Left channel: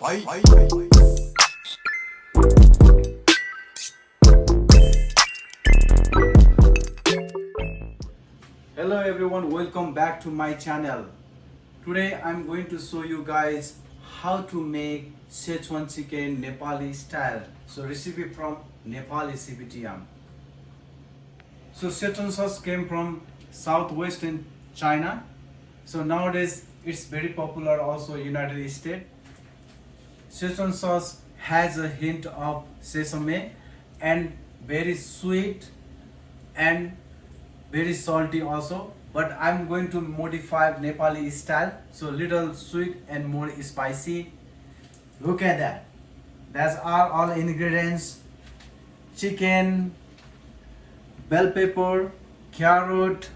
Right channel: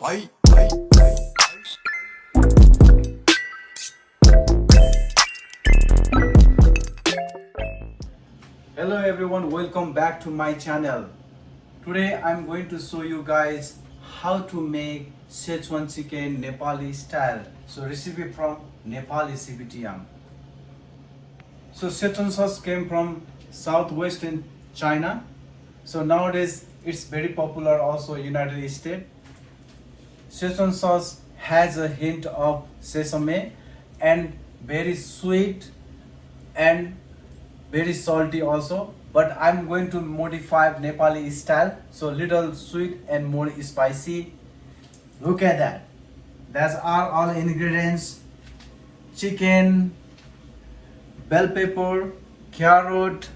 Bye. Hello everyone, welcome back to my channel. Today I'm going to show you guys how to make Szechuan chicken Nepali style. So recipe from Nepali CBTM. So Szechuan sauce came from southwestern China. So nowadays it's very popular also United States. Szechuan sauce has a hint of sesame and very sweet and very salty also, but I'm going to modify Nepali style, so little sweet and more spicy. Look at that. That's all ingredients: chicken, bell pepper, carrot,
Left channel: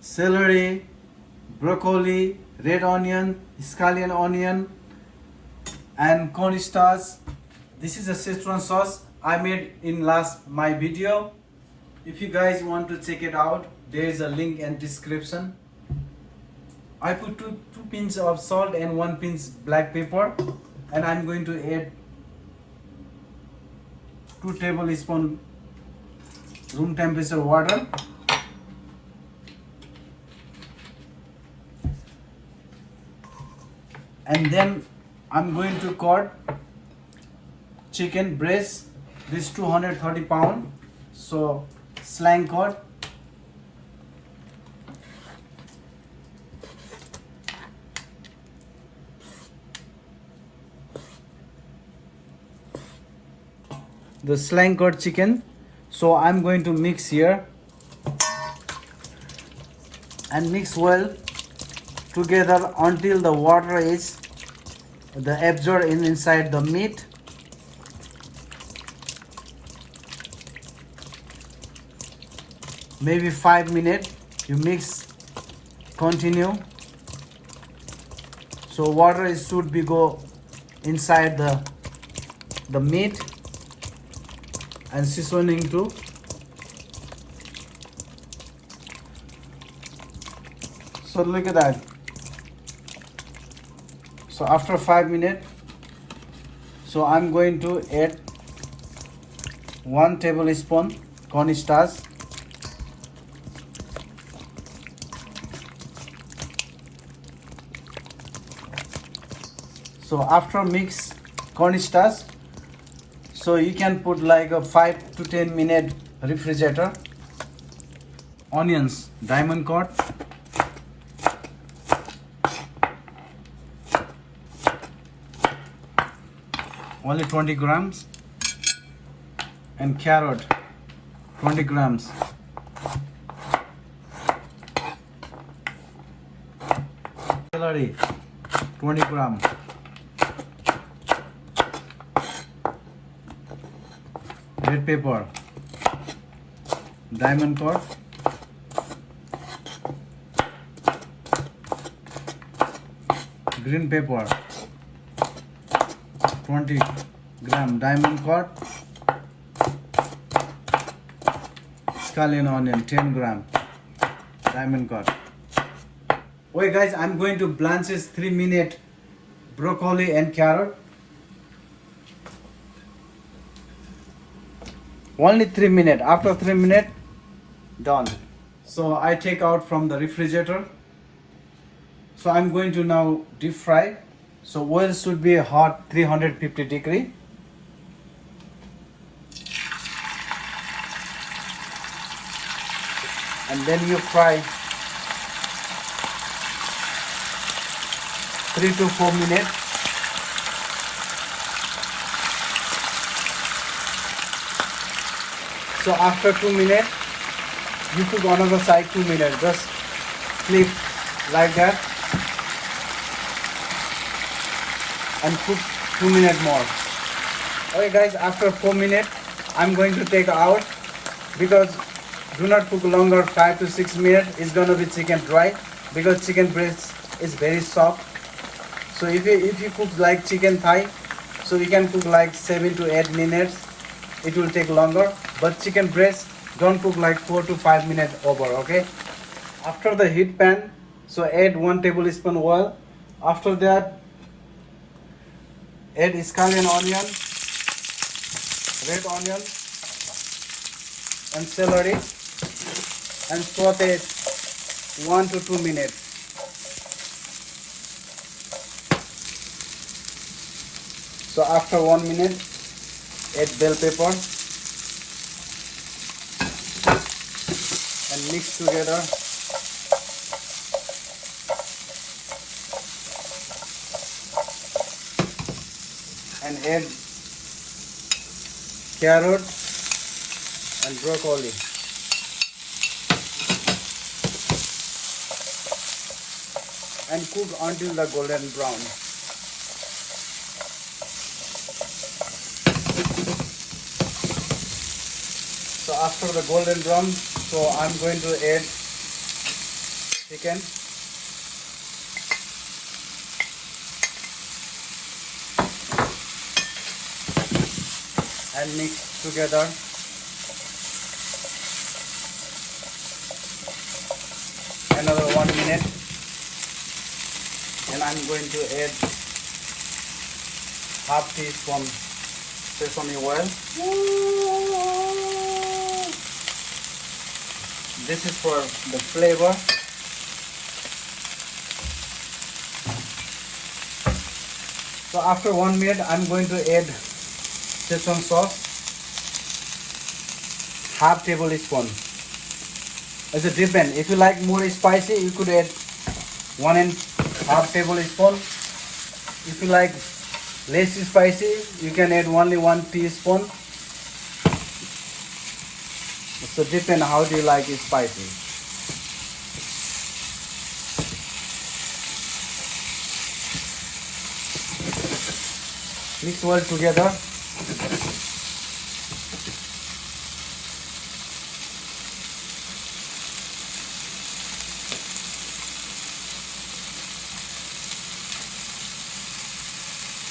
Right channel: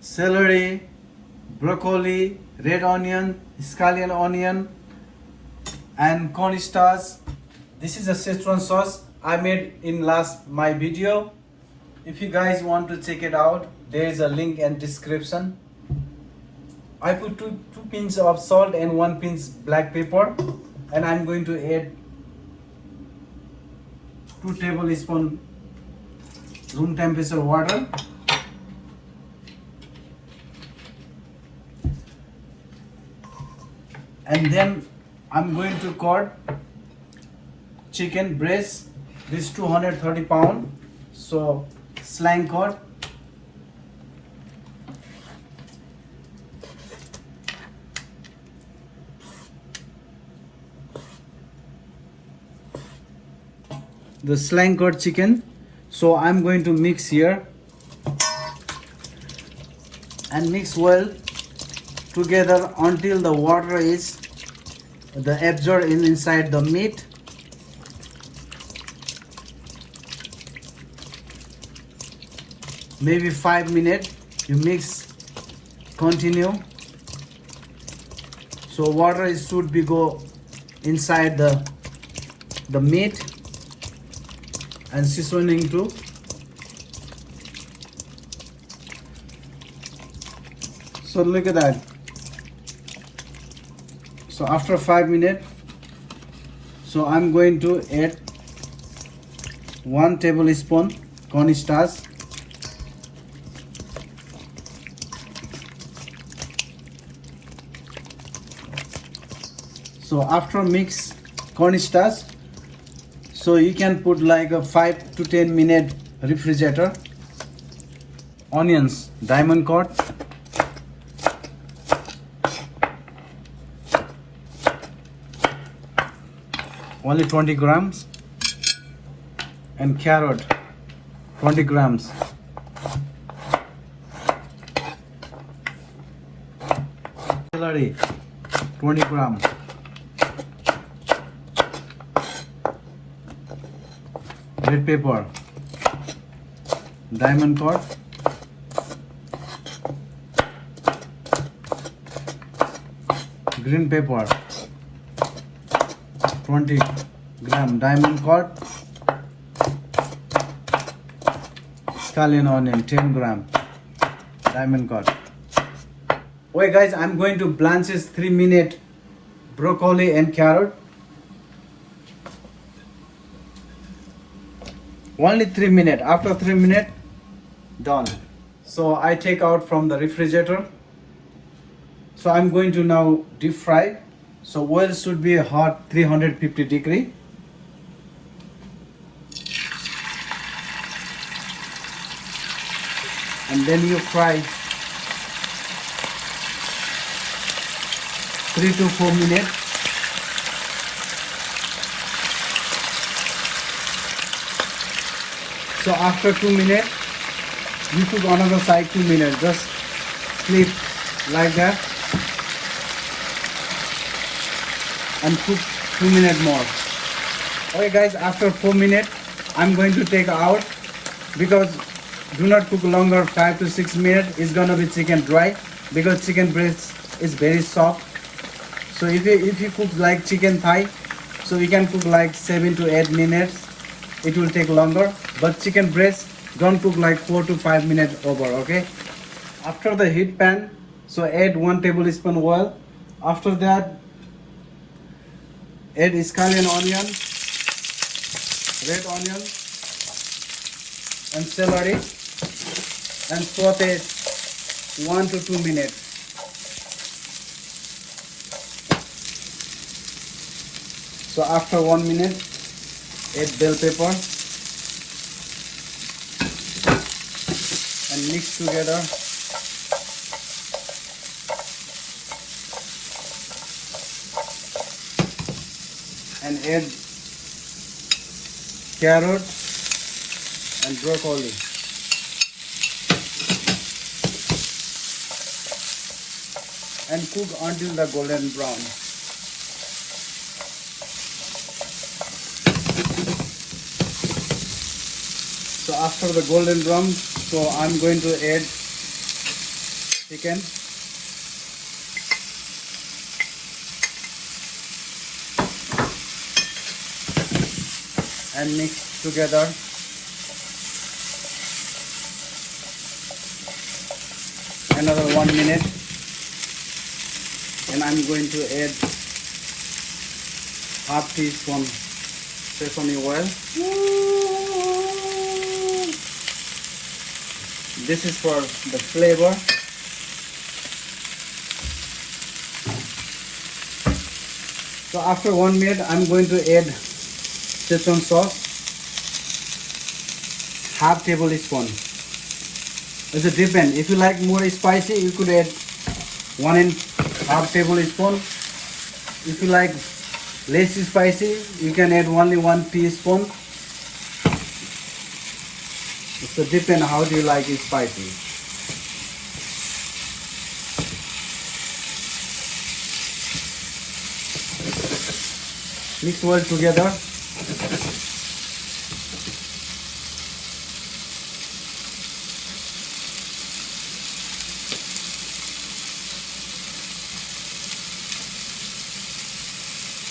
celery, broccoli, red onion, scallion onion, and cornstarch. This is a Szechuan sauce I made in my video. If you guys want to check it out, there is a link in description. I put two pinches of salt and 1 pinch black pepper, and I'm going to add 2 tablespoons room temperature water. And then I'm going to cut chicken breast. This 230 pound. So slang cut. The slang cut chicken. So I'm going to mix here and mix well together until the water is absorbed inside the meat. Maybe 5 minutes you mix, continue. So water should be go inside the meat and seasoning too. So look at that. So after 5 minutes, so I'm going to add 1 tablespoon cornstarch. So after mix cornstarch, so you can put like a 5 to 10 minute refrigerator. Onions, diamond cut. Only 20 grams. And carrot, 20 grams. Celery, 20 grams. Red pepper, diamond cut, green pepper, 20 gram, diamond cut, scallion onion, 10 gram, diamond cut. Okay guys, I'm going to blanch 3 minutes broccoli and carrot. Only 3 minutes. After 3 minutes, done. So I take out from the refrigerator. So I'm going to now deep fry. So oil should be hot 350 degree. And then you fry 3 to 4 minutes. So after 2 minutes, you cook another side 2 minutes. Just flip like that and cook 2 minutes more. Alright guys, after 4 minutes, I'm going to take out, because do not cook longer, 5 to 6 minutes. It's gonna be chicken dry because chicken breast is very soft. So if you cook like chicken thigh, so you can cook like 7 to 8 minutes. It will take longer, but chicken breast don't cook like 4 to 5 minutes over. Okay, after the heat pan, so add 1 tablespoon oil. After that, add scallion onion, red onion, and celery, and saute 1 to 2 minutes. So after 1 minute, add bell pepper and mix together. And add carrot and broccoli. And cook until the golden brown. So after the golden brown, so I'm going to add chicken. And mix together. Another 1 minute. And I'm going to add half teaspoon sesame oil. This is for the flavor. So after 1 minute, I'm going to add Szechuan sauce, half tablespoon. It's a depend. If you like more spicy, you could add 1.5 tablespoon. If you like less spicy, you can add only 1 teaspoon. So depend how do you like it spicy. Mix well together.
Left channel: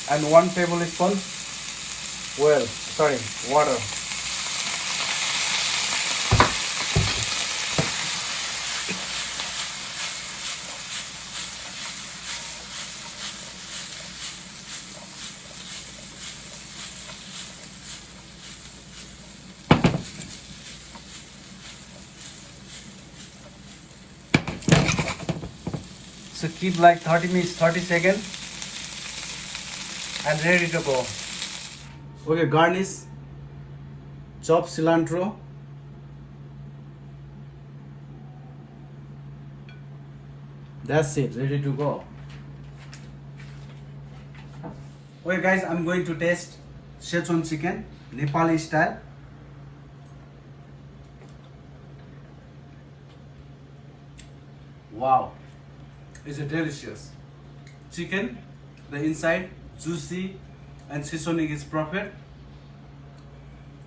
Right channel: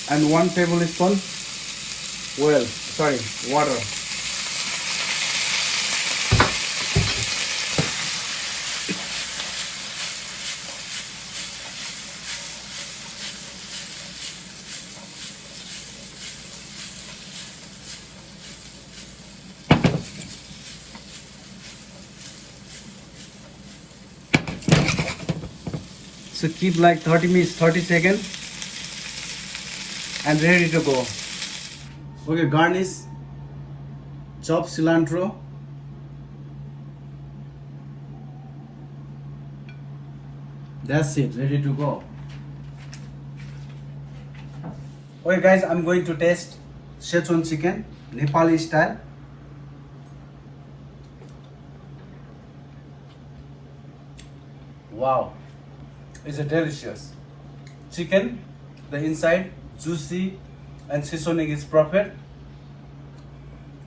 And 1 tablespoon water. So keep like 30 seconds and ready to go. Okay, garnish, chop cilantro, that's it, ready to go. Okay guys, I'm going to taste Szechuan chicken, Nepali style. Wow, it's a delicious chicken. The inside juicy and seasoning is perfect,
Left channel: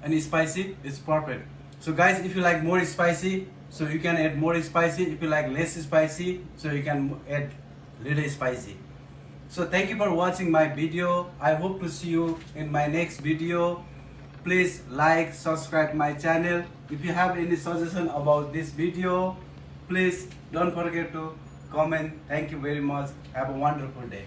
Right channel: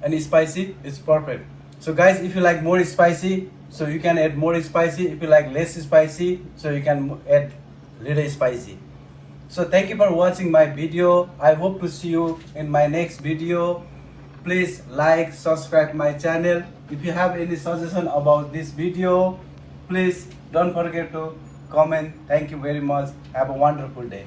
and spicy is perfect. So guys, if you like more spicy, so you can add more spicy. If you like less spicy, so you can add little spicy. So thank you for watching my video. I hope to see you in my next video. Please like, subscribe my channel. If you have any suggestion about this video, please don't forget to comment. Thank you very much. Have a wonderful day.